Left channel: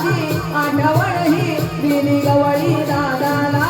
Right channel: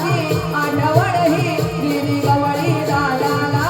आठवण ही दिली गवळी दादाला